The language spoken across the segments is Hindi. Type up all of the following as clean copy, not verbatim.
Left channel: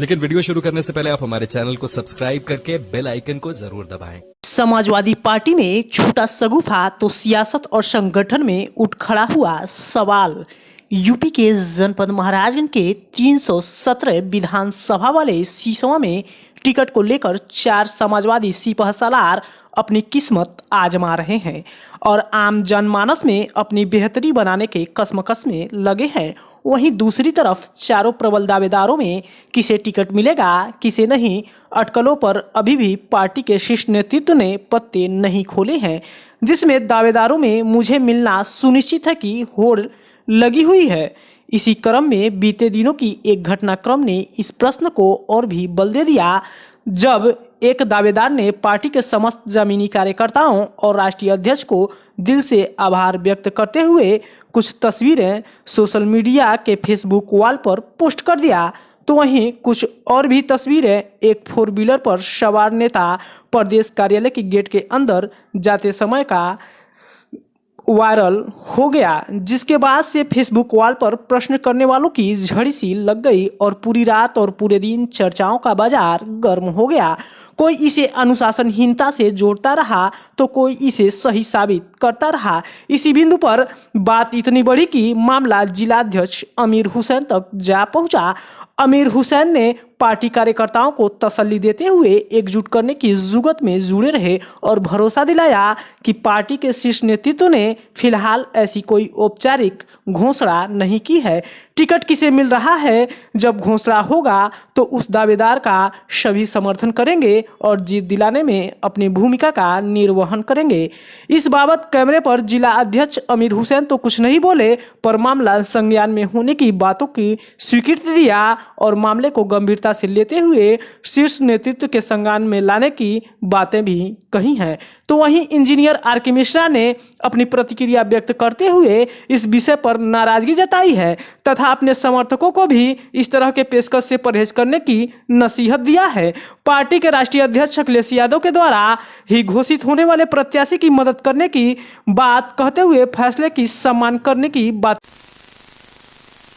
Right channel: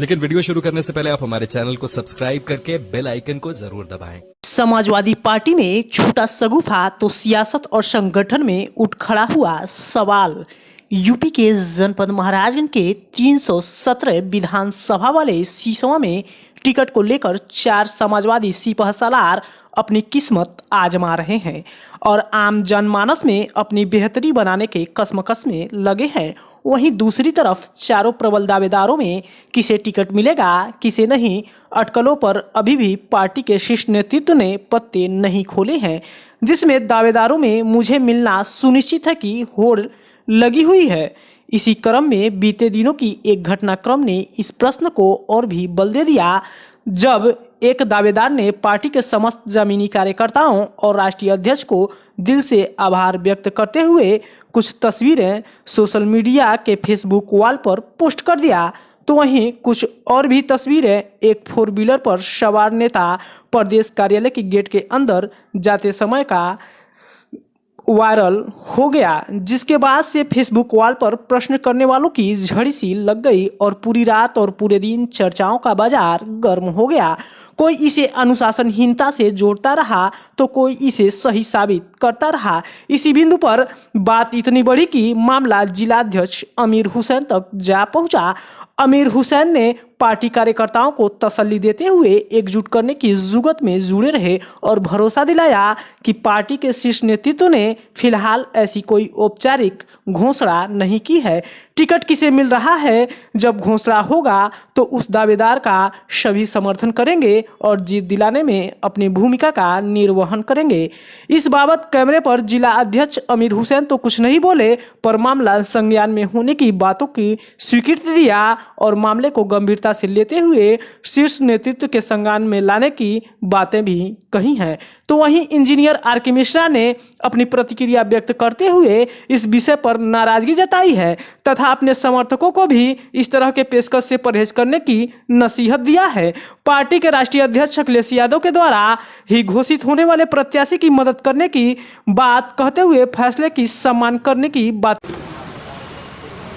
लेकिन वीडियो शुरू करने से पहले आप हमारे चैनल को सब्सक्राइब करके बेल आइकन को जरूर दबाएं। समाजवादी पार्टी में छूटा शगुफा तो सियासत और संगठन में उठ खड़ा हुआ सवाल। यूपी के जनपद महाराजगंज के 317 विधानसभा वाले सिसवा में टिकट को लेकर 4 समाजवादी सिपह सालार अपनी किस्मत आजमा रहे हैं और आम जनमानस में अपनी बेहतरी बनाने के कश्मकश में लगे हैं। वहीं दूसरी तरफ चारों प्रबल दावेदारों में किसे टिकट मिलेगा किसे नहीं, अटकलों पर अभी भी पार्टी के शीर्ष नेतृत्व ने पत्ते नहीं खोले हैं, जिसमें दावेदारों में मुझे मिलना सुनिश्चित है की होड़ लगी हुई है। इसी क्रम में बीते दिनों की एक घटनाक्रम ने इस प्रश्न को और भी बल दे दिया, जब एक दावेदार ने पार्टी के समस्त जमीनी कार्यकर्ताओं और राष्ट्रीय अध्यक्ष को दिल से आभार व्यक्त करते हुए कुछ तस्वीरें सोशल मीडिया के फेसबुक वॉल पर पोस्ट कर दिया, तो वहीं कुछ और भी तस्वीरें एक 4 व्हीलर पर सवार नेता प्रदेश कार्यालय के गेट के अंदर जाते समय का वायरल हो गया, जिसके बाद से फेसबुक वॉल पर प्रश्न करने वालों की झड़ी सी लग गई और पूरी रात और पूरे दिन चर्चाओं का बाजार गर्म हो गया। कोई इसे अनुशासनहीनता से जोड़ता रहा तो कोई इसे सही साबित करता रहा। इसी बिंदु पर बात इतनी बढ़ी कि मामला जिलाध्यक्ष अमीर हुसैन तक जा पहुंचा। अमीर हुसैन ने पार्टी कार्यकर्ताओं को तसल्ली देते हुए एकजुट करने की जुगत में जुड़े रहे और भरोसा दिलाया कि पार्टी के शीर्ष नेतृत्व ने फिलहाल ऐसी कोई औपचारिक घोषणा नहीं की है। टिकट किसे मिल रहा है, जब घोषणा होगा तो उस दावेदार का सभी समर्थन करेंगे और जीत दिलाने में अपनी भूमिका का निर्वहन करेंगे। इस बाबत कैमरे पर जिला अध्यक्ष अमीर हुसैन तो कुछ नहीं बोले, पर मामला संज्ञान में होने की बातों की स्वीकृति दिया और मामले को गंभीरता से लेते हुए शीर्ष नेतृत्व के संज्ञान में लाने की बातें भी कही हैं। तो वहीं इंजीनियर आर.के. मिश्रा ने अपनी प्रतिक्रिया व्यक्त करते हुए इस विषय पर नाराजगी जताई है तथा अपने समर्थकों को भी इस तरह के पेशकश से परहेज करने की नसीहत दिया है। पार्टी के राष्ट्रीय अध्यक्ष अखिलेश यादव के द्वारा ही घोषित होने वाले प्रत्याशी की मदद करने की बात कहते हुए फैसले की सम्मान करने की बात।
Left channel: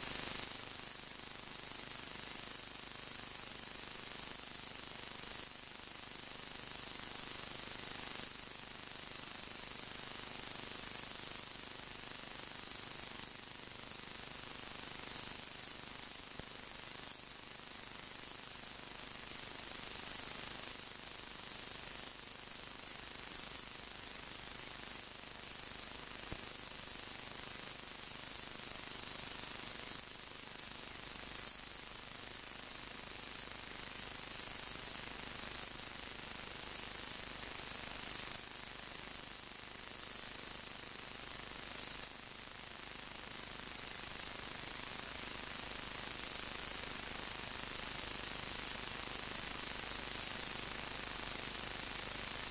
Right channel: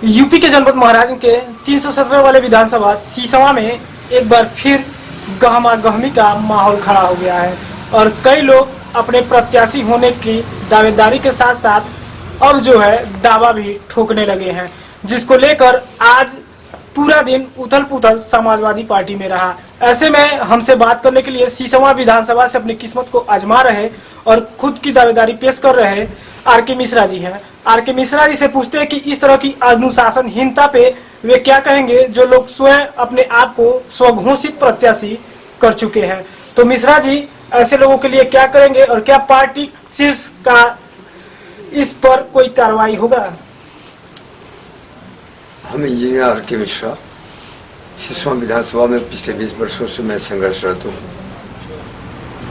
यूपी के जनपद महाराजगंज के 317 वाले विधानसभा सिसवा में एक बार फिर गहमा गहमी का माहौल खड़ा हो गया है और कई लोग अपने प्रत्याशी होने की दावेदारी के साथ साथ अब जो है दावा भी ठोकने लगे हैं, जिसको लेकर आज पूरा दिन उथल पुथल समाजवादी पार्टी में रहा। ऐसे में हमसे बात करने के लिए सिसवा विधानसभा से अपनी किस्मत को आजमा रहे और खुद की दावेदारी पेश कर रहे आर.के. मिश्रा जी हैं। आर.के. मिश्रा जी से पूछते हैं कि इस तरह की अनुशासनहीनता पे वे क्या कहेंगे, जो लोग स्वयं अपने आप को स्वघोषित प्रत्याशी कर चुके हैं। तो मिश्रा जी ऐसे लोगों के लिए क्या करेंगे और क्या पार्टी शीर्ष का इस पर कोई कार्रवाई होगा? हम इंजीनियर आर.के. मिश्रा सिसवा विधानसभा में पिछले 20 वर्षों से मैं संघर्षरत हूँ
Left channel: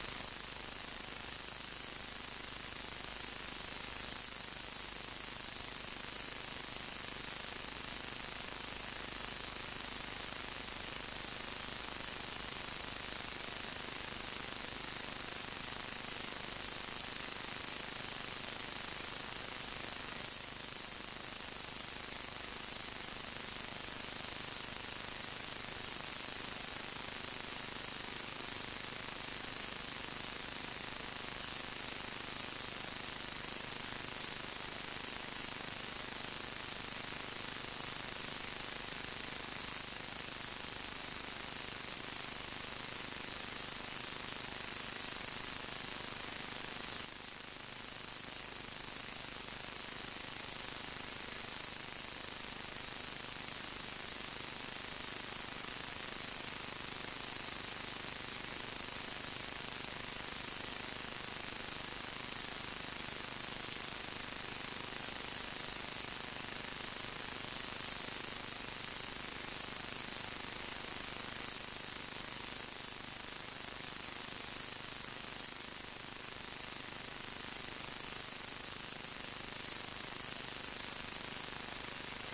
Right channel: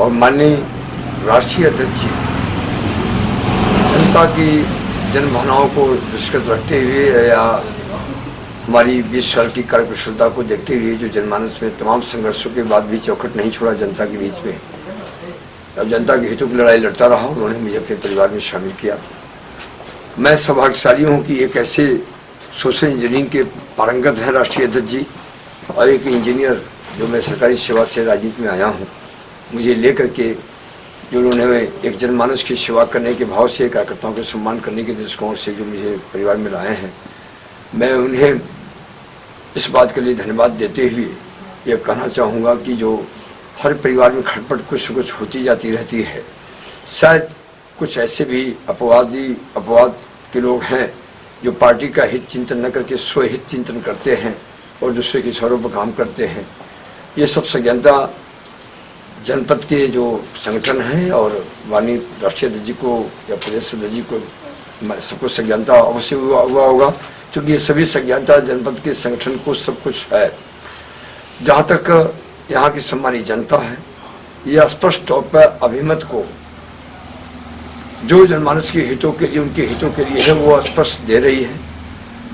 और माननीय राष्ट्रीय अध्यक्ष जी जनता की जनभावनाओं को दृष्टिगत रखते हुए या हमारी 20 साल की कार्यकुशलता को देखते हुए जो जनमानस में तमाम संघर्षों के बाद भी चौखट नहीं छोड़ा जनता के बीच में, अब जनता के हितों की लड़ाई लड़ता रहा। उन्होंने मुझे अपने परिवार में शामिल किया। मैं सौभाग्यशाली हूँ कि एक ऐसे सोशल इंजीनियरिंग के पारंगत हैं राष्ट्रीय अध्यक्ष जी और एक इंजीनियर जो मैं सरकारी सेवा से राजनीति में आया हूँ, मुझे लेकर के जो उन्होंने एक जनमानस की सेवा करने के भाव से कार्यकर्ताओं को सम्मान करने के दृष्टिकोण से जो मुझे परिवार में लाए हैं, मैं उन्हें इस बात के लिए धन्यवाद देते हुए ये कहना चाहूँगा कि जो हर परिवार में खटपट कुछ कुछ होती जाती रहती है, शायद कुछ ऐसे भी अपवाद के लोग हैं जो पार्टी का हित चिंतन न करके स्वहित चिंतन करते हैं और दूसरे के स्वरों पर काम करते हैं। ये सब संज्ञानता जनपद के जो संगठन हैं और माननीय राष्ट्रीय अध्यक्ष जी को या प्रदेश अध्यक्ष जी को सबको संज्ञानता अवश्य हुआ होगा, क्योंकि ये सभी संज्ञानता जनपद के संगठन को सब कुछ है। जहाँ तक यहाँ की सम्मानित जनता है, यह स्पष्ट तौर पर अभिमत को जो जनमानस के हितों के लिए उनके हितों के लिए है वो स्पष्ट दे रही है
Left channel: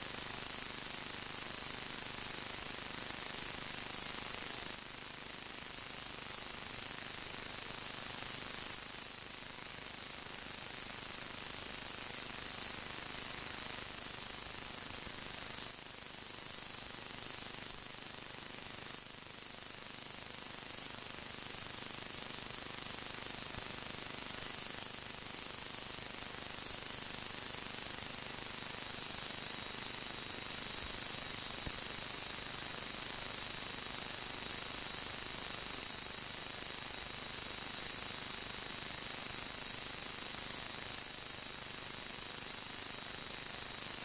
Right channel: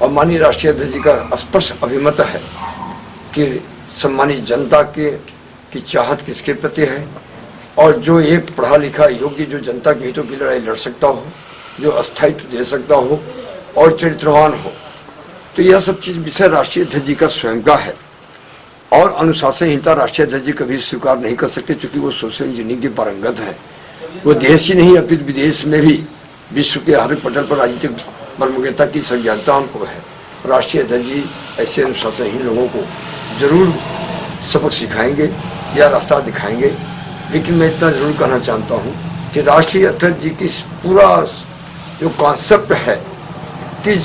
और माननीय राष्ट्रीय अध्यक्ष जी का स्पष्ट अभिमत है कि सम्मानित जनता की चाहत किसके प्रति है और जो एक पढ़ा लिखा योग्य जो जनता के हितों की लड़ाई लड़ सकता हो, जो अस्थायित्व दे सकता हो और चरित्रवान हो, तो यह सब चीज विषय राष्ट्रीय अध्यक्ष जी का स्वयं का है। और अनुशासनहीनता राष्ट्रीय अध्यक्ष जी कभी स्वीकार नहीं कर सकते, क्योंकि वो सोशल इंजीनियरिंग के पारंगत हैं। वो देश ही नहीं अपितु विदेश में भी विश्व के हर पटल पर राजनीतिक प्रमुखता की संज्ञानता उनको है। राष्ट्रीय अध्यक्ष जी ऐसे अनुशासनहीन लोगों को जरूर सबक सिखाएंगे या रास्ता दिखाएंगे। लेकिन मैं इतना जरूर कहना चाहता हूँ कि राष्ट्रीय अध्यक्ष जी की पूरा जो कॉन्सेप्ट है कि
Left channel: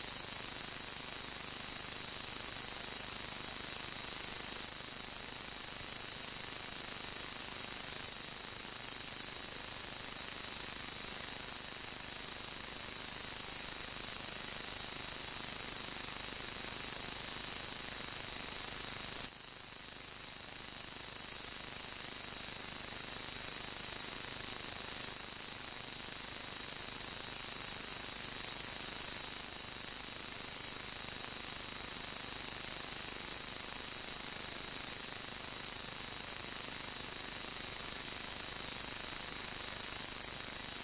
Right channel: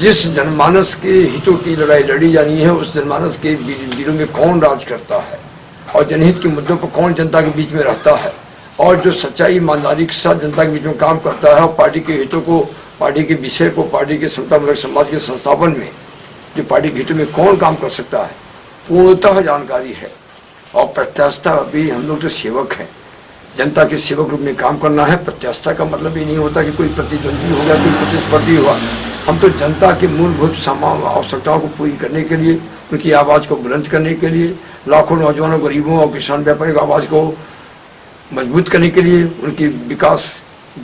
जिस जनमानस के हितों की लड़ाई लड़ी जानी है, उस जनमानस के वीरों में कौन राज करता है और जनहित के मुद्दों पर कौन जनता के बीच में रहता है, और जो सच्चाई ईमानदारी के साथ जनता के बीच में काम करता है और पार्टी के हितों को, पार्टी के विषय को, पार्टी के समतामूलक समाज के संस्थापन में जो पार्टी के हितों में कौन काम कर सकता है, पूर्णतः जानकारी है। और प्रत्यास्था भी, हम लोग तो सेवक हैं, जनता के सेवक रूप में काम करना है। प्रत्यास्था का मतलब ये नहीं होता कि कोई प्रतिद्वंदी हो गया, कोई प्रतिस्पर्धी हुआ। हम तो जनता के मूलभूत आवश्यकताओं को पूरी करने के लिए, उनकी आवाज़ को बुलंद करने के लिए, लाखों नौजवानों, गरीबों और किसान व्यापारियों की आवाज़ को मजबूत करने के लिए, उनकी विकास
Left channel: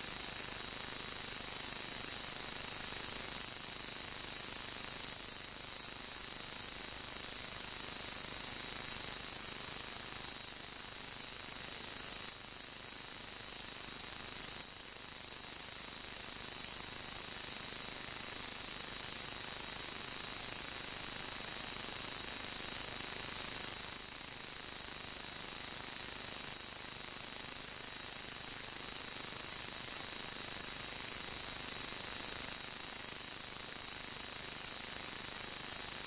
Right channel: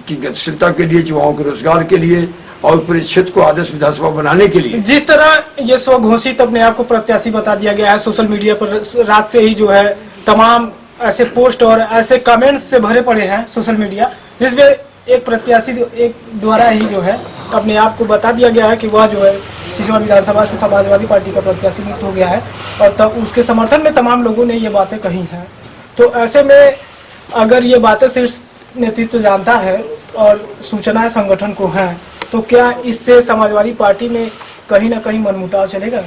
की गतिशीलता के लिए, युवाओं के रोजगार के लिए और पूरे क्षेत्र को आदर्श विधानसभा बनाने के लिए। जिस तरह ये स्वघोषित अपने आप को प्रत्याशी बता दिया गया है, सोशल मीडिया पर रात से ही जो है तमाम ऐसे पोस्ट और ऐसे कमेंट्स से भरे पड़े हैं सोशल मीडिया, जिसमें एक प्रत्याशी एक द्वारा ही जो है अपने आप को बता दिया गया है कि वह जो है सिसवा विधानसभा से समाजवादी पार्टी का प्रत्याशी नियुक्त हो गया है, और तब उसके समर्थन में तमाम लोगों ने ये बातें कही हैं। तो ऐसे में अगर ये बातें सिर्फ नेतृत्व जानता है और सूचनाएं संगठन को हैं, तो क्या इससे समाजवादी पार्टी में कहीं ना कहीं मनमुटाव चलेगा?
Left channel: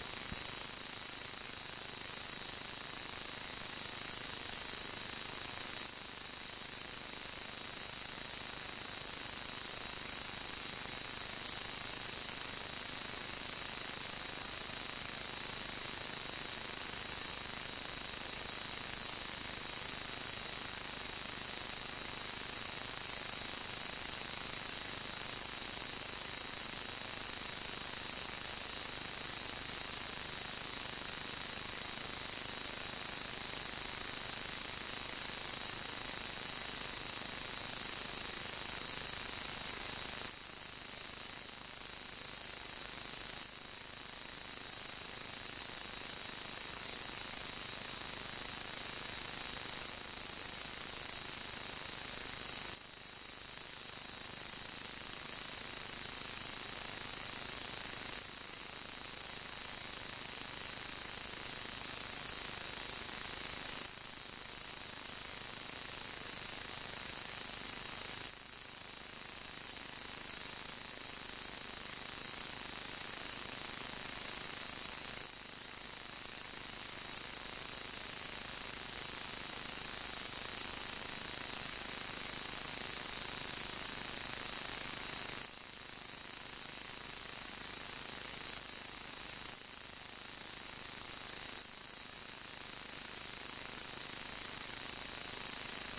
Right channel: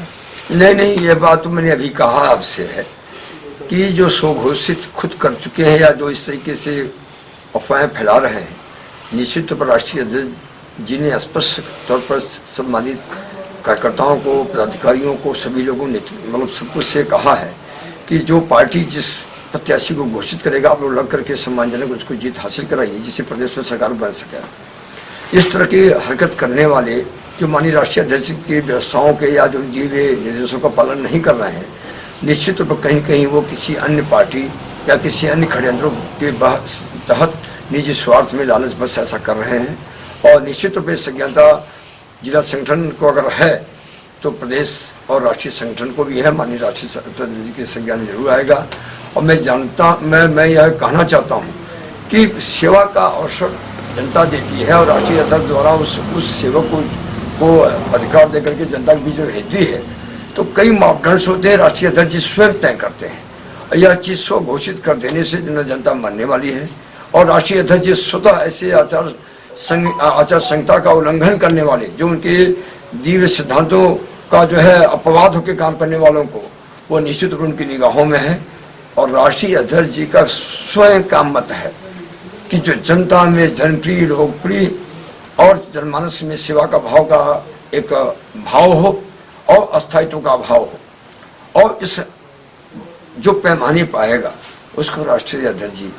नहीं, ये बात तो मैंने अभी कहा आपसे है कि जो स्वघोषित खुद कर चुके हैं या जो इस तरीके से अफवाहें फैला रहे हैं, निश्चित तौर पर राष्ट्रीय अध्यक्ष जी ने स्पष्ट तौर पर सम्मानित कार्यकर्ताओं को, पदाधिकारियों को, सभी लोगों ने मतलब सबको से कहा है कि जो पार्टी जिस प्रत्याशी को घोषित करेगा, आप लोग लग करके सम्मानजनक उसको जीत हासिल कराइए, जिससे प्रदेश में सरकार बन सके। इस तरह की हरकत करने वाले जो माननीय राष्ट्रीय अध्यक्ष की व्यवस्थाओं के या जो दिए हुए निर्देशों का पालन नहीं कर रहे हैं, निश्चित तौर पर कहीं कहीं वो किसी अन्य पार्टी या किसी अन्य षड्यंत्रों के तहत निजी स्वार्थ में लालच बस ऐसा कर रहे हैं। और निश्चित रूप से संज्ञानता जिला संगठन को अगर है तो प्रदेश और राष्ट्रीय संगठन को भी है, माननीय राष्ट्रीय अध्यक्ष के संज्ञान में जरूर आएगा। और मैं यह कहना चाहता हूँ कि सेवा का अवसर जनता देती है और राष्ट्रीय अध्यक्ष द्वारा उस सेवक को अधिकार देकर के जनता के बीच में भेजती है, तो कई मापदंड होते हैं, राष्ट्रीय अध्यक्ष जी स्वयं तय करते हैं। यह चीज स्व घोषित कर देने से जनता मानने वाली है, और राष्ट्रीय अध्यक्ष जी स्वतः ऐसे आचार संहिता का उल्लंघन करने वाले, जो उनके दिव्य सिद्धांतों का जो है अपवाद होकर काम करने वालों को, वो निश्चित रूप उनकी निगाहों में है। और राष्ट्रीय अध्यक्ष जी का स्वयं का मत है कि जो जनता में जनप्रिय, लोकप्रिय और जनमानस में सेवा का भाव का एक भाव हो और अस्थायित्व का भाव हो, और इस जो पैमाने पाएगा उसको राष्ट्रीय अध्यक्ष जी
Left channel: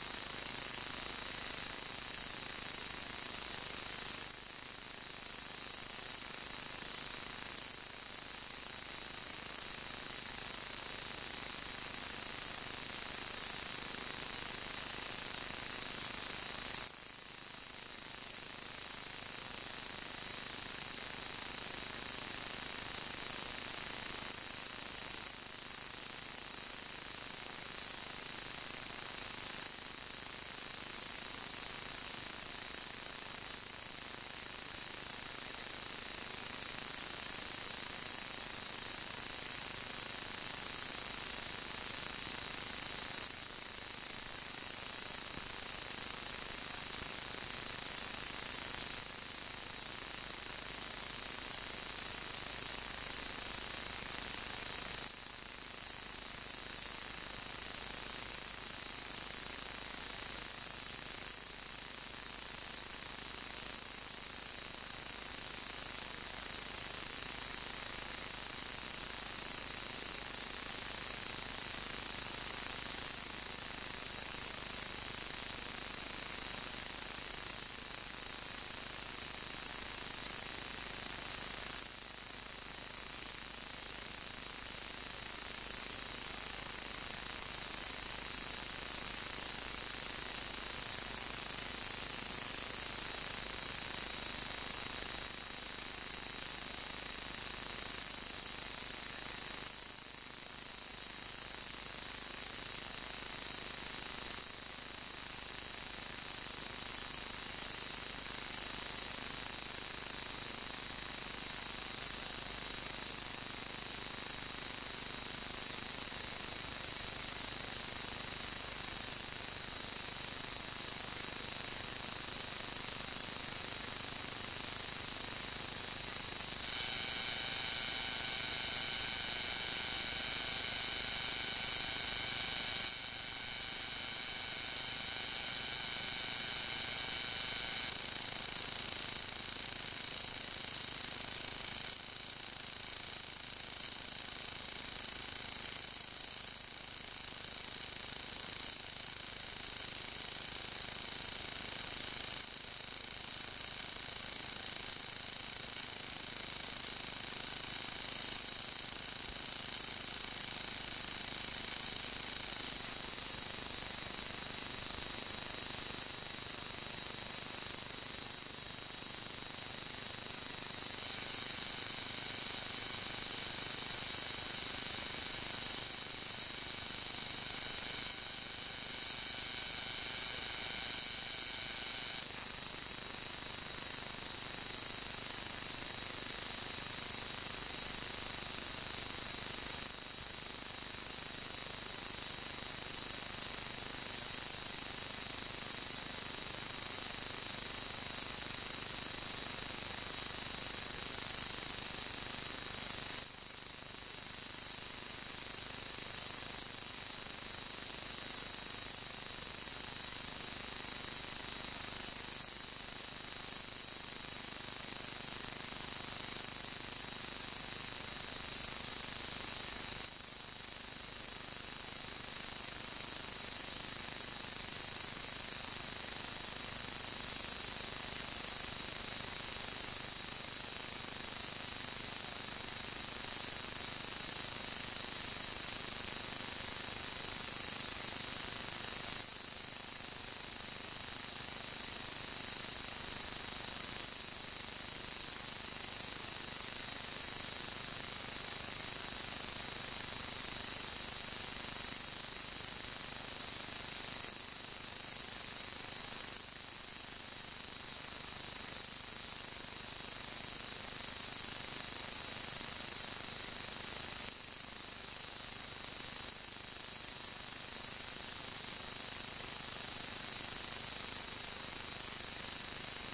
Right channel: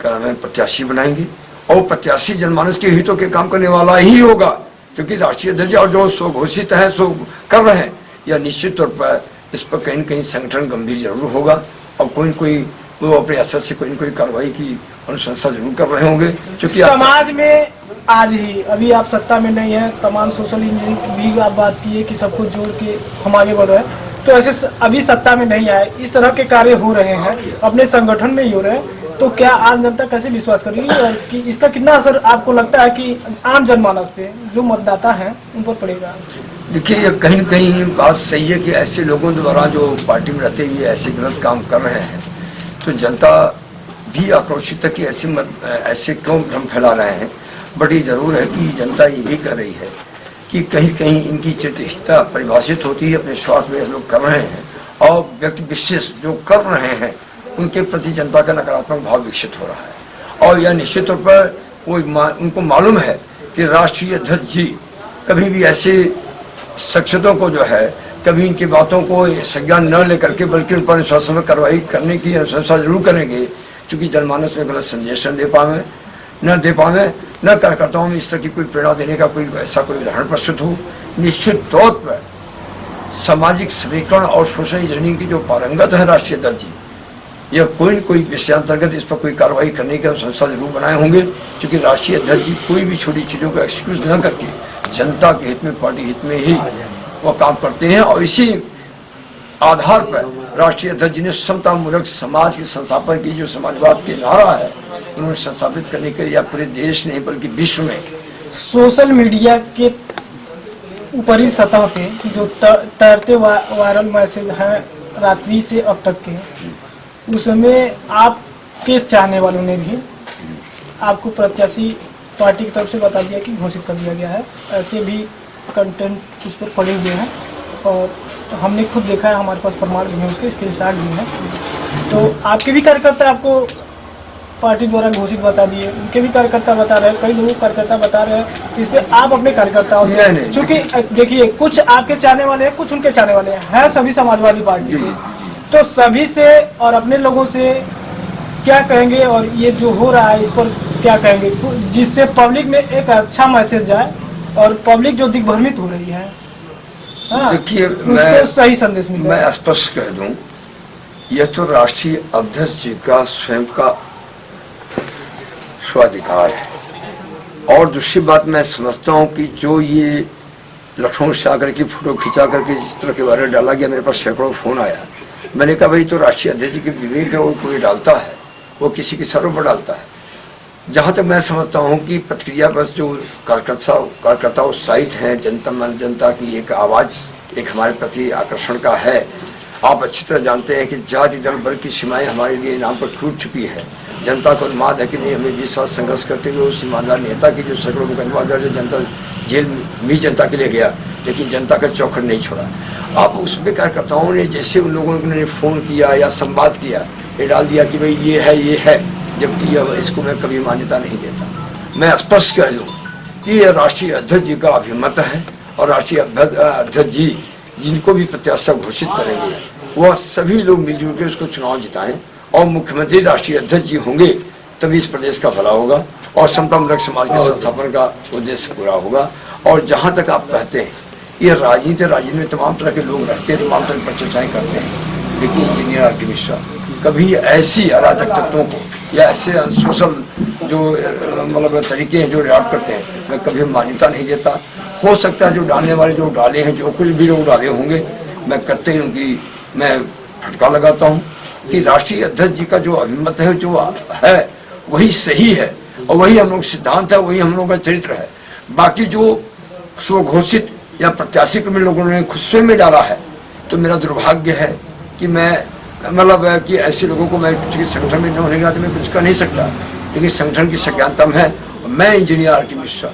का में प्रत्याशी बनाएंगे, और प्रत्याशी जनमानस के हितों के काम करने वाला ही होगा, क्योंकि राष्ट्रीय अध्यक्ष और जो स्वघोषित है सो कर रहे हैं, यह निश्चित तौर पर इस पर कहीं न कहीं संगठन गंभीर जरूर होगा, और कोई न कोई वो अपने असर से कोई न कोई कार्रवाई की अनुशंसा जरूर कर रहे होंगे। क्योंकि समाज में आज ही अभी आप सत्ता में नहीं है, तमाम सोशल इंजीनियरिंग भी आप बात की है कि सबको जोड़ के हम आगे बढ़ रहे हैं, तो ऐसे अभी सत्ता में नहीं आए, इस तरह के कार्य हो रहे हैं, अपने संगठन में ही हो रहे हैं, तो क्या आम जनता कैसे विश्वास करेगी और कि इसका कितना असर आपको लगता है कि आम जनमानस पे, जो मतदाता हैं, उन पर पड़ेगा? देखिए, ये कहीं न कहीं बात सही है कि ऐसे लोगों द्वारा जो पार्टी में रहते हुए ऐसे गलत काम कर रहे हैं, तो जनता भी आक्रोशित है कि ऐसे क्यों भ्रम फैला रहे हैं। बट ये जरूर है कि जनता ये भी कह रही है कि कहीं कहीं इनकी चित्रहिता परिभाषित होती है, अपने स्वार्थ में लोग कर रहे हैं, और व्यक्ति विशेष जो कर रहे हैं उनके प्रति जनता का नकारात्मक भाव विकसित हो रहा है। और यह निश्चित तौर पर उनको मालूम है कि राष्ट्रीय अध्यक्ष जी कभी भी ऐसे शख्सियतों को जो है, कभी इनकी बातों को संज्ञान न लेकर के बल्कि उन पर अनुशासन में कार्रवाई करने की अनुशंसा जरूर करेंगे, क्योंकि जनमानस में गलत संदेश न दे पावे, न कार्यकर्ताओं में इस तरह की कोई प्रेरणा देने का कोई ऐसा कोई उदाहरण प्रस्तुत हो। निश्चित तौर पर सामाजिक समीकरण और सोशल इंजीनियरिंग की जो पारंगत है राष्ट्रीय अध्यक्ष जी, यह कोई न कोई विषयांतर्गत इस पर कोई कार्रवाई करने की संस्था जरूर बनाए होंगे, क्योंकि राष्ट्रीय अध्यक्ष जी कोई भी छोटी चीजों का एक्सक्यूज न करके जनता के हित में, पार्टी हित में ही वो काम करते हैं। और इसी आधार पर राष्ट्रीय अध्यक्ष जी ने समतामूलक समाज के संस्थापन की जो समाजवाद के नारा है उन्होंने संस्थापित करने के लिए पूरे देश नहीं बल्कि विश्व में सोशल मीडिया के ऊपरी सतह पे जो तैरते वायरल मैसेज हैं रात्रि से अब तक के, उसमें आपके चाहने वालों ने भी आपको प्रत्याशी पार्टी की तरफ से बता दिया कि घोषित कर दिया गया है। ऐसे भी कंटेंट उस पर पड़े हुए हैं और हमने खुद देखा है, हमारे पास प्रमाण भी है, उसके स्क्रीनशॉट भी हैं। तो आपके भी कार्यकर्ता आपको पार्टी द्वारा घोषित बता दिए, उनके भी कार्यकर्ता बता रहे हैं, कई लोगों कार्यकर्ता बता रहे हैं। इस पे आप अपने कार्यकर्ताओं से, क्योंकि देखिए कुछ आपके चाहने वाले हैं, कुछ उनके चाहने वाले हैं सभी समाजवादी पार्टी के, तो सभी से और अपने लोगों से क्या कहेंगे और ये जो हो रहा है इस पर क्या कहेंगे, जिससे पब्लिक में एक अच्छा मैसेज जाए और पब्लिक जो दिग्भ्रमित हो रही है, देखिए उसको सही संदेश मिले। मैं स्पष्ट कह दूं, यह तो राष्ट्रीय अध्यक्ष जी का स्वयं का स्वाधिकार है। और दूसरी बात मैं समझता हूं कि जो ये लखनऊ से आकर की फोटो खिंचा करके जिस तरह के बारे में डाला गया, मेरे पास सैकड़ों फोन आया। मैंने कहा भाई तो राष्ट्रीय अध्यक्ष जी के विवेक है, वो कोई डालता है, वो किसी की सरों पर डालता है। जहां तक मैं समझता हूं कि प्रतिक्रिया बस जो कार्यकर्ता उत्साहित हैं, जनता की एक आवाज एक हमारे प्रति आकर्षण का है। आप अच्छी तरह जानते हैं कि जाति दल वर्ग की सीमाएं हमारे लिए नाम पर टूट चुकी है। जनता को उन्माद है कि नहीं, हमें 20 साल संघर्ष करते हुए उस ईमानदार नेता की जो सैकड़ों मुकदमा दर्ज, जनता जेल भी जनता के लिए गया, लेकिन जनता का चौखट नहीं छोड़ा। आप उसमें कार्यकर्ताओं ने जैसे उन लोगों ने फोन किया या संवाद किया, ये डाल दिया कि भाई ये है, जबकि इसको मैं कभी मान्यता नहीं देता। मैं स्पष्ट कह दूं कि यह राष्ट्रीय अध्यक्ष जी का अभिमत है और राष्ट्रीय अध्यक्ष जी जिनको भी प्रत्याशी घोषित करेंगे वह सभी लोग मिलजुल के उसको चुनाव जिताएं और मुख्यमंत्री राष्ट्रीय अध्यक्ष जी होंगे, तभी इस प्रदेश का भला होगा और समतामूलक समाज के संस्थापन का उद्देश्य पूरा होगा। और जहां तक आप कहते हैं ये राजनीति में तमाम तरह के लोग रहते हैं, तमाम तरह की चर्चाएं करते हैं, लेकिन इंजीनियर आर.के. मिश्रा कभी ऐसी अराजक तत्वों को या ऐसे सोशल जो मतलब तरीके हैं जो रिएक्ट करते हैं, मैं कभी मान्यता नहीं देता। हो सकता है जो डालने वाले जो डाले हैं, जो कुछ भी लोग डाले होंगे, मैं करते ही उनकी मैं फटका लगाता हूँ कि राष्ट्रीय अध्यक्ष जी का जो अभिमत है, जो है वही सही है और वही हम लोग सिद्धांत है, वही हम लोग का चरित्र है। बाकी जो स्वघोषित या प्रत्याशी को लोगों ने खुद स्वयं में डाला है, तो मेरा दुर्भाग्य है कि मैं मतलब कि ऐसे लोगों को मैं कुछ संगठन में न होने के नाते मैं कुछ कर नहीं सकता, लेकिन संगठन की संज्ञानता है। मैं इंजीनियर आर.के. मिश्रा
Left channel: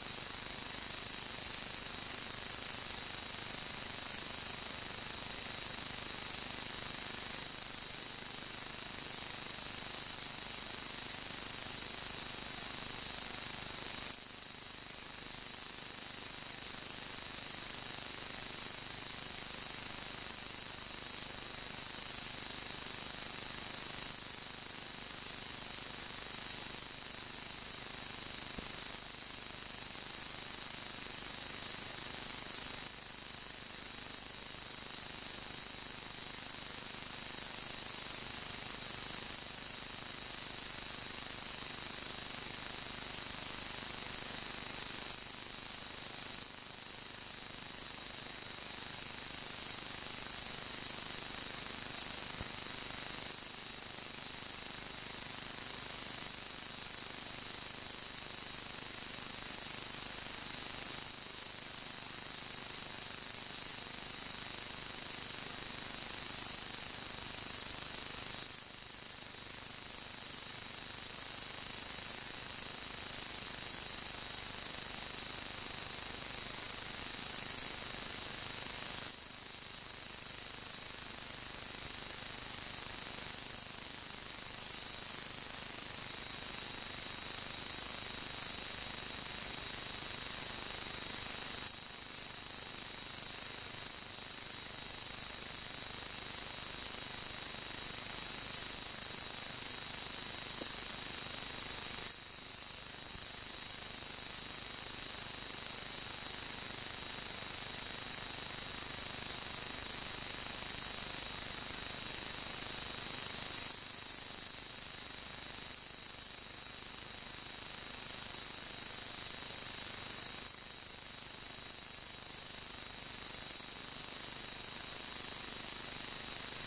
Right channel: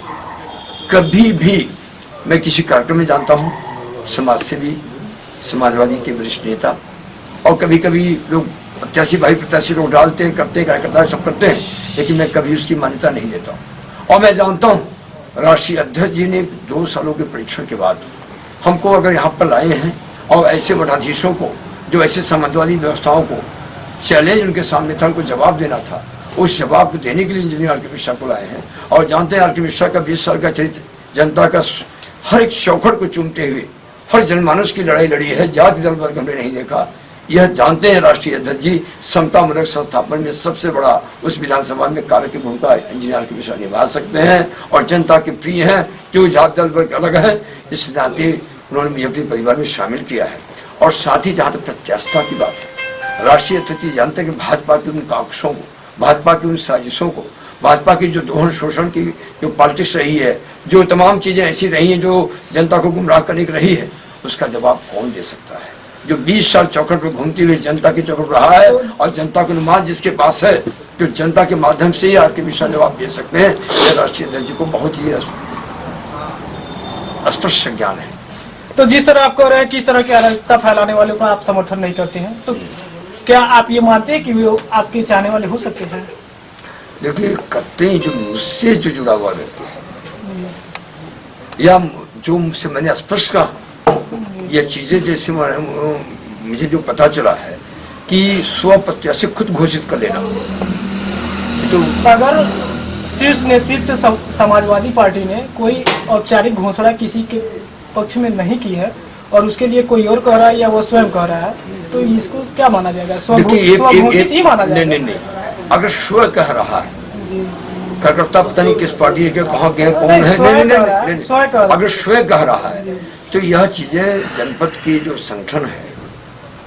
कभी भी मैं किसी कार्यक्रम में जानता हूँ, समाज सेवी, समाजवादी के वरिष्ठ नेता, और कभी कभी लोग प्रत्याशी लोग डालते हैं, करते हैं, कार्यकर्ता सब करते हैं, लेकिन मैं कभी उसकी मान्यता नहीं देता हूँ। और मैं जानता हूँ राष्ट्रीय अध्यक्ष जी ने 2 सालों के परीक्षण के बाद हमको अगर यहाँ पर लाए हैं और ऐसे मठाधीशों को, जो ऐसे समाजवादी व्यवस्थाओं को चैलेंज उनके सामने था, उनको जवाब देना था, उस जवाब को देने के लिए इंजीनियर आर.के. मिश्रा को लाए हैं। और जानते हैं आर.के. मिश्रा का 20 साल का चरित्र, जनता का हर एक चौखट को चूमते हुए हर जनमानस की लड़ाई लड़ी है, जाति दल वर्ग हमने नहीं देखा। यह जानते हैं राष्ट्रीय अध्यक्ष जी, समतामूलक संस्थापन में सबसे बड़ा उस विधानसभा में कार्य की भूमिका इंजीनियर आर.के. मिश्रा निभा सकते हैं और जनता के प्रिय हैं, जो जाति दल वर्ग अलग है, इस नाते उन्होंने मुझे अपने परिवार में शामिल किया है। और साथ ही जहाँ तक प्रत्याशिता की बात है, राष्ट्रीय अध्यक्ष जी जानते हैं कि भाजपा के उन काक्षों को, भाजपा की उन साजिशों को, भाजपा की जो दोहन शोषण की जो पॉलिटिक्स रही है, जो तमाम चीजें ऐसी रही हैं जो जनता को गुमराह करने की रही है, उसका जवाब कौन दे सकता है? जो 20 साल चौखट पर घूमती हुई जनता की चौखट रहा है और जनता को नुमान जिसके पास है, जो जनता के माध्यम से ही आर.के. मिश्रा जवाब दे सकते हैं। यह राष्ट्रीय अध्यक्ष जी को बहुत ही स्पष्ट ज्ञान है। तो जिस तरह आप कह रहे हैं किस तरह की अराजकता फैलाने वालों का आप समर्थन नहीं करते हैं, तो क्या आप ये मानते हैं कि वो आपके चाहने वाले हो सकते हैं? देखिए, करते हैं जो मुझसे जो जुड़ा हुआ रहते हैं या जो मुझसे मैंने स्पष्ट कहा, ये चीजें जैसे मुझे जो पता चला है कि स्व प्रत्याशी खुद घोषित कर लेना, तो अगर शीर्ष नेतृत्व समाजवादी पार्टी ने कोई औपचारिक घोषणा किसी के पक्ष में नहीं की है और उसके लिए कोई और कह रहा है या वो स्वयं कह रहा है, तो इसको क्या माना जाएगा? स्वघोषित ही माना जाएगा? नहीं, अगर स्व कह रहा है, कार्यकर्ता पता नहीं किस पार्टी के कहाँ गए, कौन है, नहीं, अगर स्व कह रहा है तो यह चीजें जनपद की जो संगठन है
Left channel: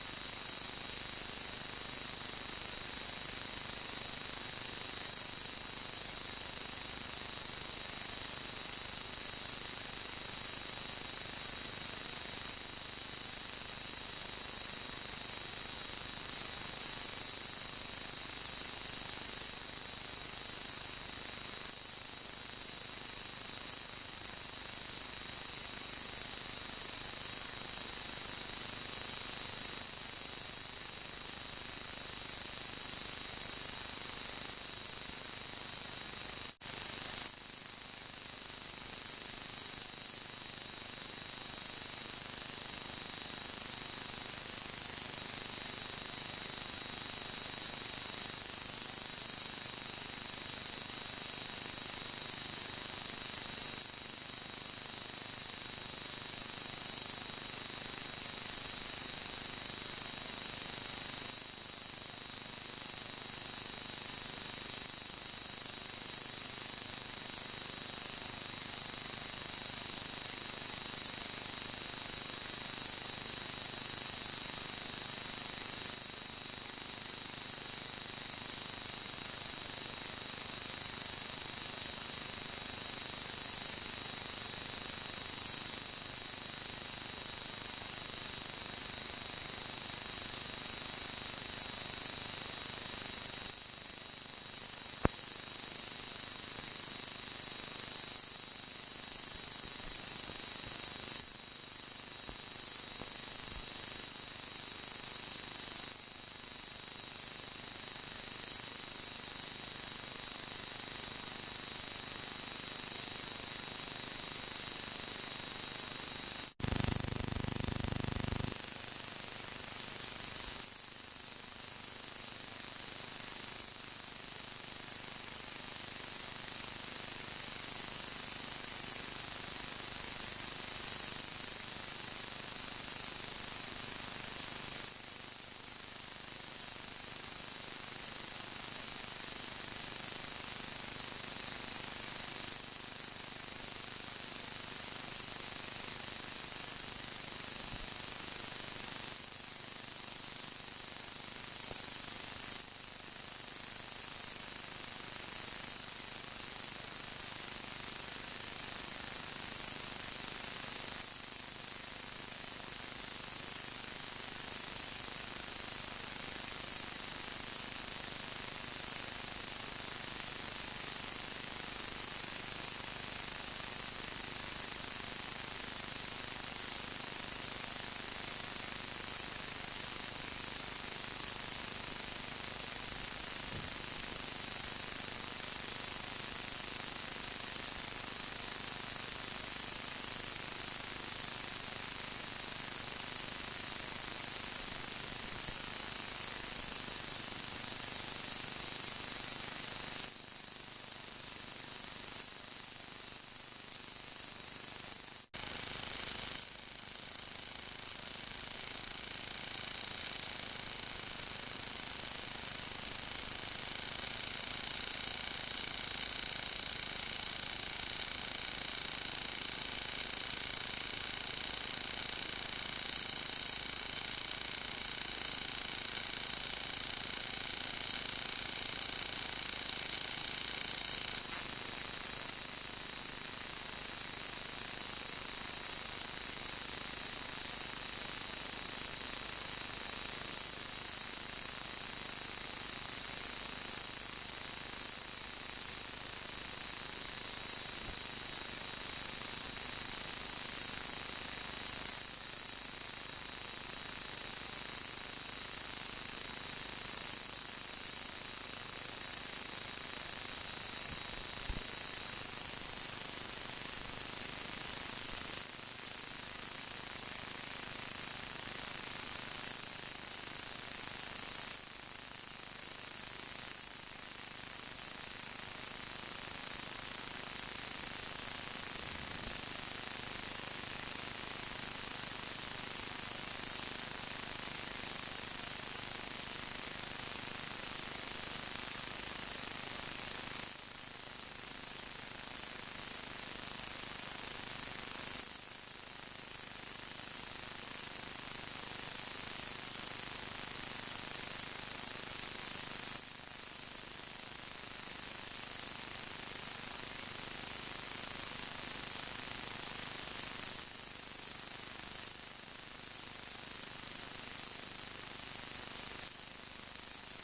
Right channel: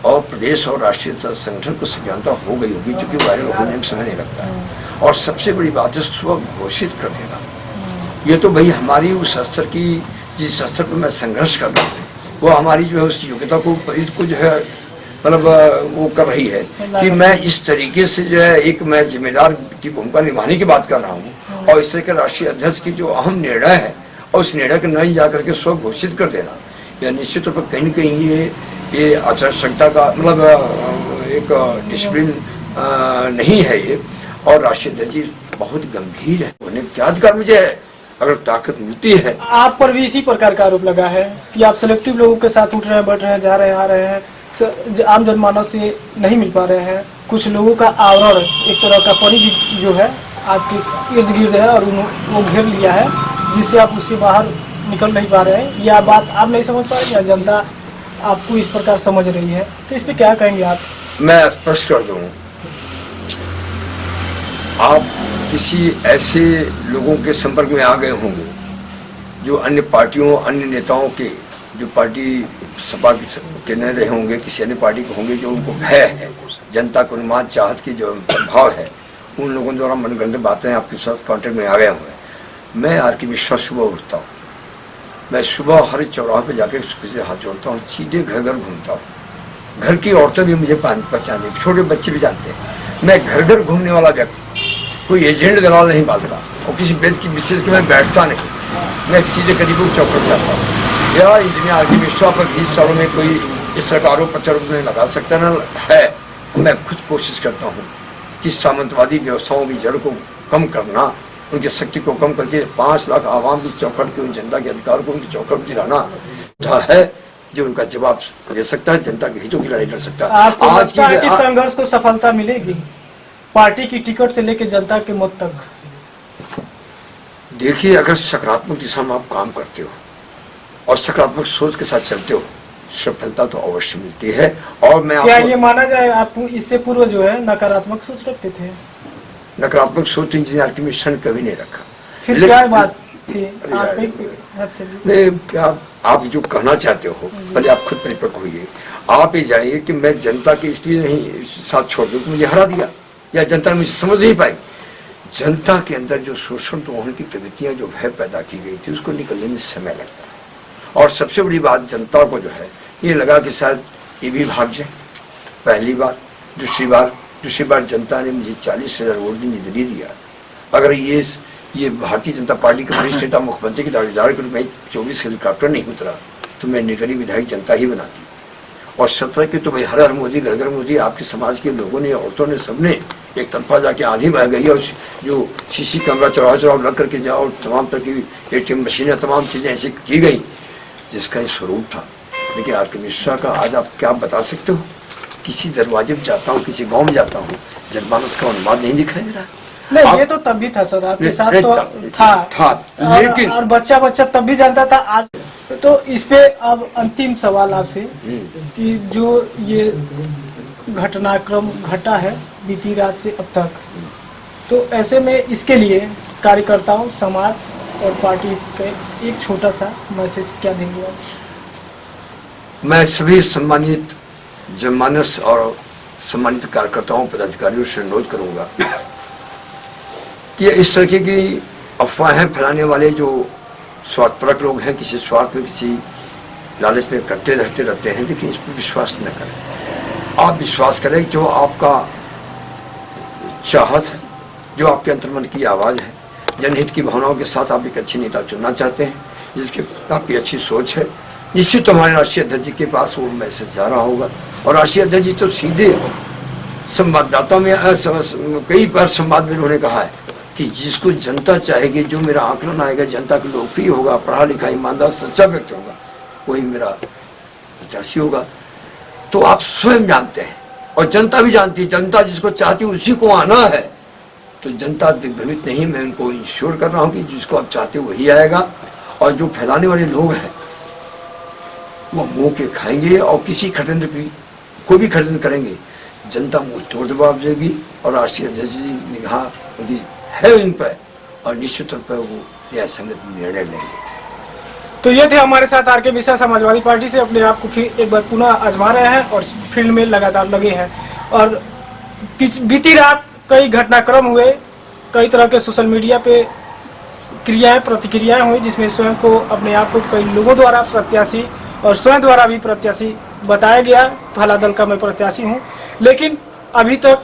और प्रदेश और राष्ट्रीय संगठन को सज्ञानता हो गई होगी, क्योंकि वायरल होने में समय नहीं लगता है। और सबसे बड़ी बात है स्वयं घोषित कर देना। ये तो भाई हमारी उस स्तर की, जिस स्तर पर मैं संघर्ष कर रहा हूँ, वो हमारी जो है उस योग्यता को जो है मतलब वो कर रही है कि मैं इस तरीके से जो है एक मैं जिम्मेदार की भूमिका निभाने की बात कर रहा हूँ। और इस तरह के राष्ट्रीय अध्यक्ष की जो अहम निर्णय है और उस निर्णय को नहीं जा करके स्व घोषित कर देना, या निश्चित तौर पर कहीं न कहीं ये आचार संहिता का मतलब एक डिसिप्लिन नहीं है ये। और राष्ट्रीय अध्यक्ष जी बहुत गंभीर है, उन्हें क्या अधिकार मुझे है, अगर ताकत मिलती है। आप पर भी इसी प्रकार का आरोप लगा है कि आप सिलेक्टिव लोगों के साथ उठ रहे हैं, बैठ रहे हैं, जा रहे हैं, आ रहे हैं, आम जनमानस से नहीं मिल पा रहे हैं। कुछ लोगों का आवरण, एक तरह का परिधि जो है आपके इर्द गिर्द है और वो घेर लिया है, जिससे आप उससे बाहर निकल नहीं पा रहे हैं। या बात आप नहीं समझ पा रहे या जनता आपको इस प्रकार समझ रही है, तो इस पे क्या कहेंगे आप? मैं स्पष्ट कर दूं, आप किसी ऐसे लोगों के संपर्क में आ गए होंगे जो अन्य पार्टियों, अन्य नेताओं के, जो पार्टी सपा के न रहे होंगे, किसी अन्य पार्टी के होंगे, जो उनको भय है, जनता को उन्माद चाहत की जो भाव है, उन लोगों द्वारा मनगढ़ंत बातें आपके साथ कॉन्टेक्ट में आ गए होंगे। मैं आर के मिश्रा सुबह उठता हूँ, मैं सुबह हर चौराहे पे जाकर से हाथ जोड़ता हूँ, सीधे घर घर घूमता हूँ। घर की औरतें भी मुझे पहचानती, छोटे बच्चे भी जानते हैं। मैं घर घर घूमने वाला व्यक्ति, कोई एजेंट दलाल नहीं बांधता, और किसी बेद की विशेष के मैं बैठता नहीं। मैं सीधे करीब चौकट जाता हूँ। या इंजीनियर आर के मिश्रा पर 20 सालों में कोई इस तरह का आरोप प्रत्यारोप नहीं लगा सकता न है। मैं खुद कोशिश करता हूँ कि सामंतवादी व्यवस्थाओं की जड़ को कम करना, उनकी शक्ति को कम करके 5 लाख आवाम की चौखट के, उन जनता के अधिकार को उनकी चौखट दिलाना है जो उनका जवाब दे सकता है, जनता के हितों की लड़ाई कर सकता है। आज की संघर्ष को सफलता मिलेगी पार्टी की टिकट से लेकर जनता के मत तक? देखिए, अगर सकारात्मक दिशा में आप काम करते हो और सकारात्मक सोच के साथ चलते हो, सफलता तो अवश्य मिलती है। और मैं क्या ये माना जाए आप इससे पूर्व जो है नकारात्मक सोच रखते थे? नकारात्मक सोच इंजीनियर की मिशन कभी नहीं रखा। फिर क्या बात थी? आप जो कहना चाहते हो पहले आप खुद परिपक्व होइए। आप ये जाइए कि मैं जनता के इसलिए नहीं साथ छोड़ दूं कि मुझे हरा दिया, या जनता मुझे समझ नहीं पाई। जनता के अंदर जो शोषण होने की प्रवृत्तियां, जो भय पैदा की गई थी, उसको निकलने में समय लगता है। और सबसे बड़ी बात, जनता को जो है ये लगा कि शायद ये भी भाग जाए। पहली बार, दूसरी बार जनता ने मुझे 40,000 वोट निर्दलीय दिया। अगर ये भारतीय जनता पार्टी के वरिष्ठ नेता मुख्यमंत्री के दावेदार के रूप में 24 हेलीकॉप्टर नहीं उतरा तो मैं निर्दलीय विधायक जनता ही बनाती। और 17 के तो भाई हर मोदी, घर घर मोदी, आपके समाज के लोगों ने, औरतों ने, सबने एक तरफा जाके आंधी बह गई। और जो सीसी कैमरा चौराहा लग करके जाओ, तमाम तरह की ATM मशीनें, तमाम चीजें ऐसी की गई जिसका ये स्वरूप था। लेकिन आर के मिश्रा का आज आप क्या बता सकते हो? किसी दरवाजे में जाता हूँ, किसी गाँव में जाता हूँ, जनमानस का उन्माद नहीं दिखाई दे रहा। नहीं, ये तो तब भी था सर, आपके साथ तो था, लेकिन और बच्चा तब भी जानता था। आज तो इस पे अब अंतिम सवाल आपसे कि जो ये घटनाक्रम घटा है बीती रात से अब तक, तो ऐसे में इसके लिए कार्यकर्ताओं, समाज और पार्टी के एक छोटा सा मैसेज क्या देंगे आप? मैं सभी सम्मानित जनमानस और सम्मानित कार्यकर्ताओं, पदाधिकारियों से अनुरोध करूंगा कि इस तरह की अफवाहें फैलाने वाले जो स्वार्थपरक लोग हैं, किसी स्वार्थ में, किसी लालच में करते रहते हैं, लेकिन इस पर विश्वास न करें। आप विश्वास करें जो आपका चाहत, जो आपके अंतर्मन की आवाज़ है, जनहित की भावनाओं के साथ आप एक अच्छे नेता चुनना चाहते हैं, जिसके आपकी अच्छी सोच है, निश्चित हमारे राष्ट्रीय अध्यक्ष जी के पास वो मैसेज जा रहा होगा। और राष्ट्रीय अध्यक्ष जी तो सीधे संवाददाता में कई बार संवाद में उन्होंने कहा है कि जिसको जनता चाहेगी, जो मेरा आकलन आएगा, जनता के लोकप्रिय होगा, पढ़ा लिखा, ईमानदार, सच्चा व्यक्ति होगा, वही मेरा प्रत्याशी होगा। तो आप स्वयं जानते हैं और जनता भी जानती है, जनता जिसको चाहती है उसी को आना है। तो जनता दिग्भ्रमित नहीं, मैं उनको इंश्योर कर रहा हूँ कि जिसको आप चाहते हो वही आएगा। और जो फैलाने वाले लोग हैं वो मुंह के खाएंगे और किसी षड्यंत्र की कोई भी षड्यंत्र करेंगे, जनता मुंह तोड़ जवाब देगी। और राष्ट्रीय अध्यक्ष जी निगाह है उन पर और निश्चित तौर पर वो न्याय संगत निर्णय लेंगे। तो ये थे हमारे साथ आर के मिश्रा, समाजवादी पार्टी से अपने आप को फिर एक बार पुनः आजमा रहे हैं और फील्ड में लगातार लगे हैं। और बीती रात कई घटनाक्रम हुए, कई तरह के सोशल मीडिया पे क्रियाएं प्रतिक्रियाएं हुई, जिसमें स्वयं को अपने आप को कई लोगों द्वारा प्रत्याशी और स्वयं द्वारा भी प्रत्याशी बताया गया। फला दल का मैं प्रत्याशी हूं, लेकिन अभी तक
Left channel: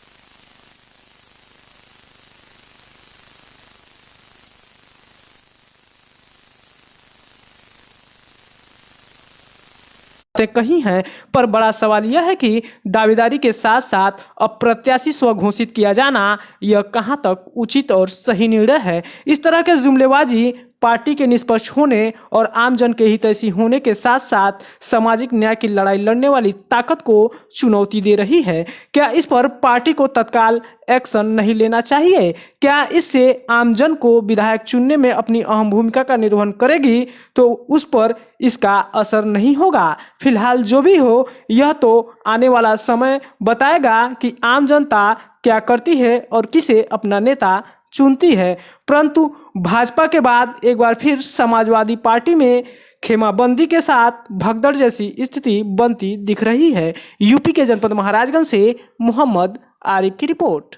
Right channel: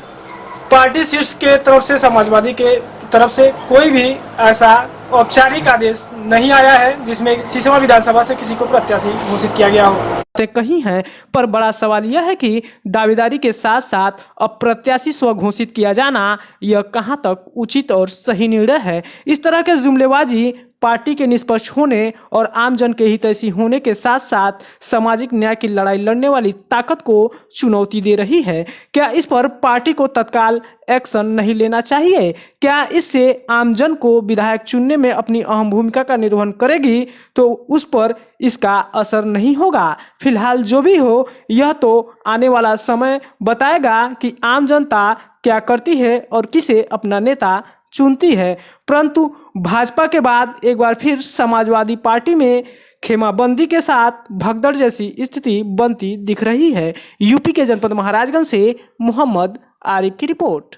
पार्टी शीर्ष के तरफ से, समाजवादी के तरफ से कोई भी ऐसा औपचारिक आदेश नहीं आया है जिसमें सिसवा विधानसभा से किसी को प्रत्याशी घोषित किया गया हो। कहीं है, पर बड़ा सवाल यह है कि दावेदारी के साथ साथ अब प्रत्याशी स्व घोषित किया जाना यह कहां तक उचित और सही निर्णय है। इस तरह के जुमलेबाजी पार्टी के निष्पक्ष होने और आम जन के हितैषी होने के साथ साथ सामाजिक न्याय की लड़ाई लड़ने वाली ताकत को चुनौती दे रही है। क्या इस पर पार्टी को तत्काल एक्शन नहीं लेना चाहिए? क्या इससे आम जन को विधायक चुनने में अपनी अहम भूमिका का निर्वहन करेगी तो उस पर इसका असर नहीं होगा? फिलहाल जो भी हो, यह तो आने वाला समय बताएगा कि आम जनता क्या करती है और किसे अपना नेता चुनती है। परंतु भाजपा के बाद एक बार फिर समाजवादी पार्टी में खेमाबंदी के साथ भगदड़ जैसी स्थिति बनती दिख रही है। यूपी के जनपद महाराजगंज से मोहम्मद आरिफ की रिपोर्ट।